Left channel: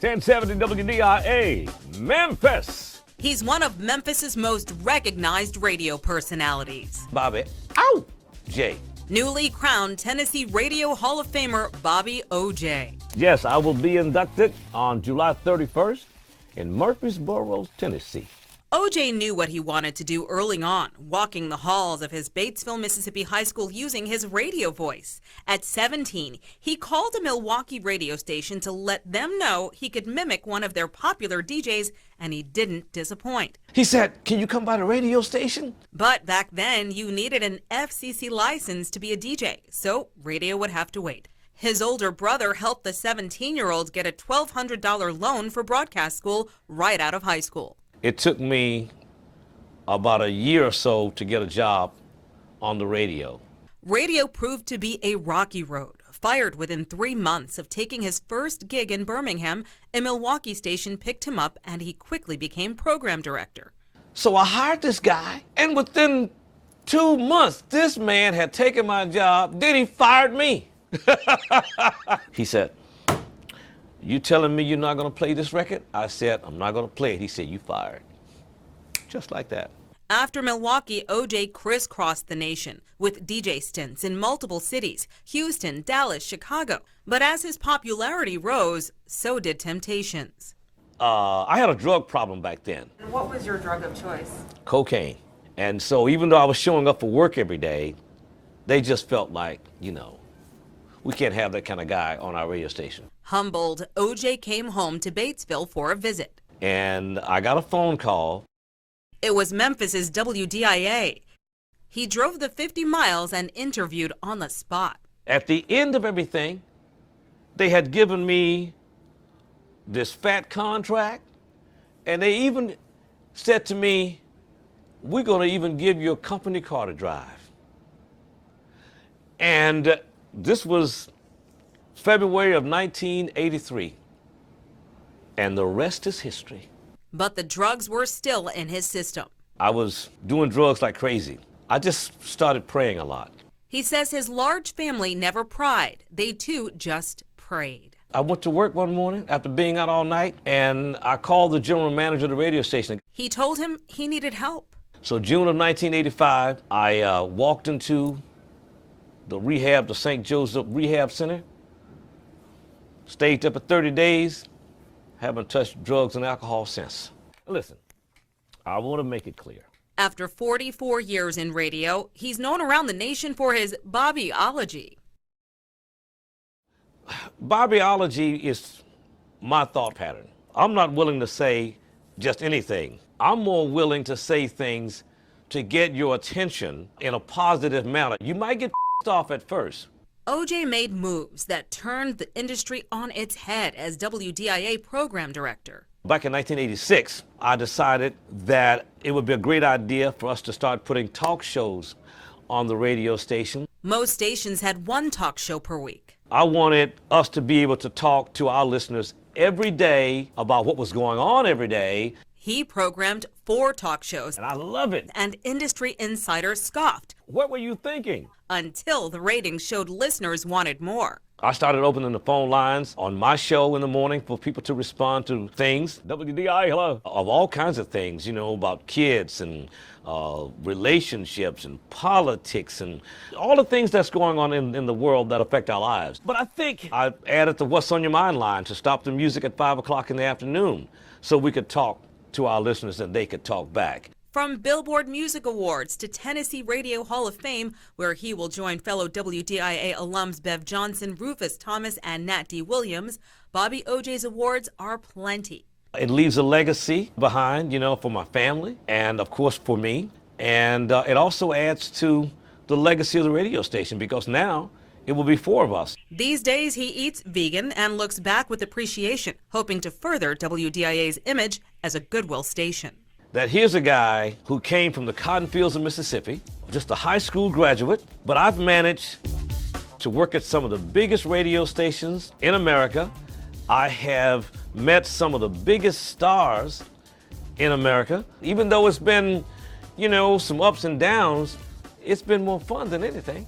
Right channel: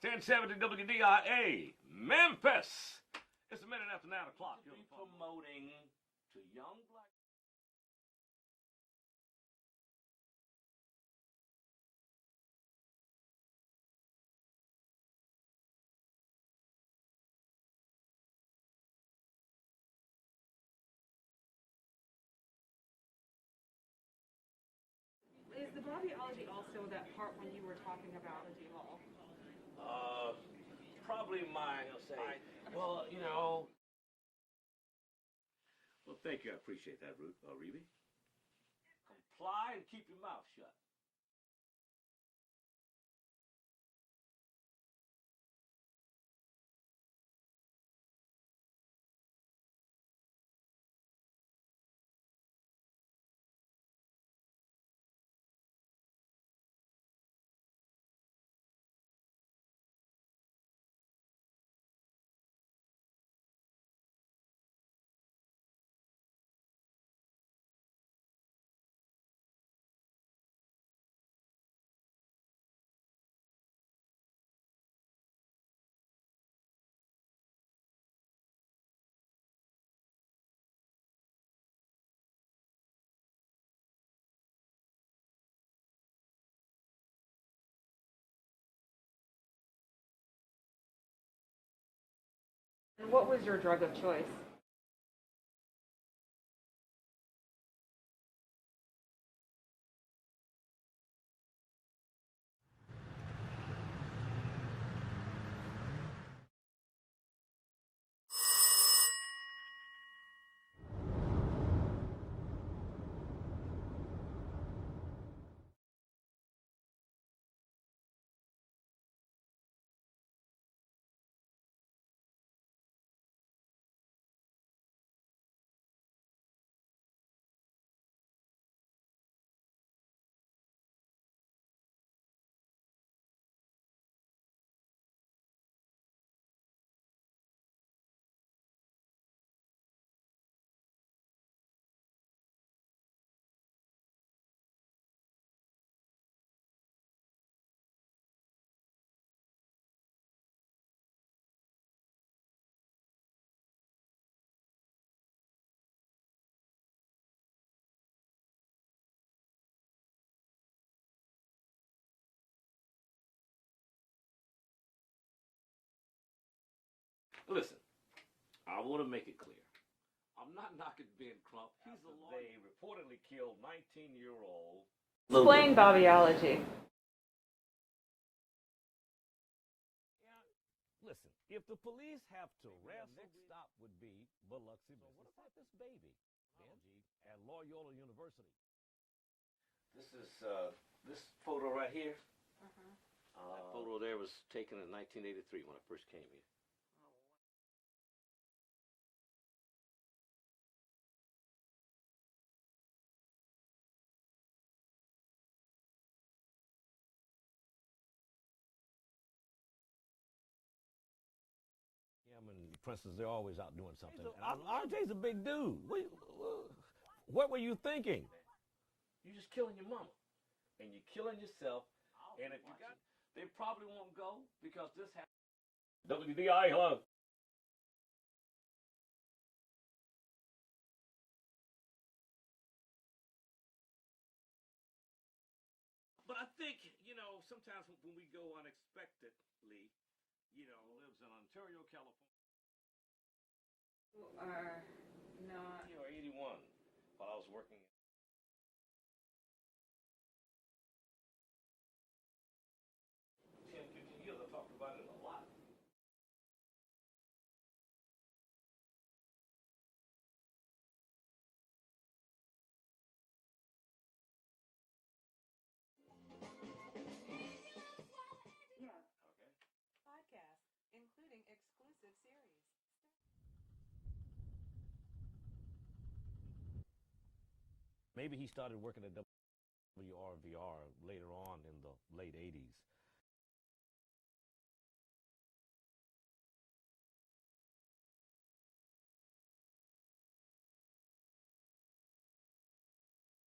1070 WDIA, Memphis. He's one of Memphis's most recognized radio personalities. Bobby, ow, J. Newly crowned Tennessee Radio Hall of Famer Bobby O.J. Yes, I will be inducted on July 31st in Murfreesboro, Tennessee. O.J. knew what he wanted to do early on, walking the halls of his Batesville, Mississippi high school using his radio voice. At 17, he called a Milwaukee radio station to let them know he could mimic one of their popular DJs, and he didn't disappoint. He said, "Can you come by the radio station?" But back then, you needed an FCC license to be a DJ, so radio would have to wait. His older brother helped the 17-year-old get a $1,200 loan for broadcast school right out of high school. It took me about a year or so to get a job on the radio. Radio proved to be a rocky road. Fired within 3 months of taking his first gig in Birmingham, a Milwaukee station picked him up and he quickly became program director. So I hired this guy, and within 2 months, this man had taken my job, then he fired me. He said, "You telling me you're not gonna play this record?" I said, "I'm not gonna play it." He said, "You fired." Just like that. After Milwaukee, O.J. crisscrossed the nation with DJ stints in multiple cities, Houston, Dallas, Chicago. But as his popularity rose, so did temptations. I had a drug problem back then. What was your drug of choice? Cocaine. And so even though I was showing up for work every day, they just felt like, we can't have that kind of guy on our radio station. Humbled, O.J. came home to Batesville for a visit. And I got a phone call. It was Memphis's WDIA. He drove the 50 miles and interviewed on the spot. At the end of everything, they had given me this fat contract, and they even said to me, "We're going to even give you a company car to drive." And this was February of 1983, and the rest is history. But the drugs were still in his system. I was doing drugs like crazy. I just started praying a lot. He says his large family never pried. They too just prayed. I went to work one morning after being out all night, and I called the general manager of the radio station. He told him he needed help. So June of 1985, I walked into the St. Joseph Rehab Center, stayed up for 30 days, haven't touched drugs and alcohol since. Listen, I want to make it clear. After 44 years in radio, he's known around the nation for his Bobbyology. Explain Bobbyology. Bobbyology is my thought pattern. I'm not willing to say just anything. I'm more willing to say things to get your attention in a positive manner. You might get off at first. O.J. made moves that turned the industry on its head as WDIA program director. Back in 1986, I decided that it would be a great idea for us to start putting talk shows on the radio station. Most stations had one talk show per week. I wanted us to be able to talk to our listeners every day about what was going on every day. He programmed 4 talk shows. And I love it. And industry insiders scoffed. What were you thinking? Until the ratings showed listeners wanted more. I started opening the phone lines on my show in the morning for people to respond to things. WDIA, hello. Of all kinds of things, about kids and relationships and politics and all the things that's going on in the world that affect our lives. But I think I added the What's on Your Mind line to stop the music at 5 o'clock in the afternoon so we could talk to our listeners and they could talk back. From Billboard Music Awards to Tennessee Radio Hall of Fame, where he will join fellow WDIA alums Bev Johnson, Rufus Thomas, and Nat D. Williams, Bobby O.J.'s awards are plenty. It leaves a legacy behind, for my family and, of course, for me. And it also adds to the legacy of the radio station because now it will be 4 of us. These days, he eats vegan and looks back with appreciation, hoping to further WDIA's image as a Goodwill station. That here's a guy who came from the cotton fields of Mississippi, just a high school graduate, but I've managed to work at some of the biggest radio stations in America. I have met some of the biggest stars in America. Even though it's been, some ups and downs, it's been more fun than anything.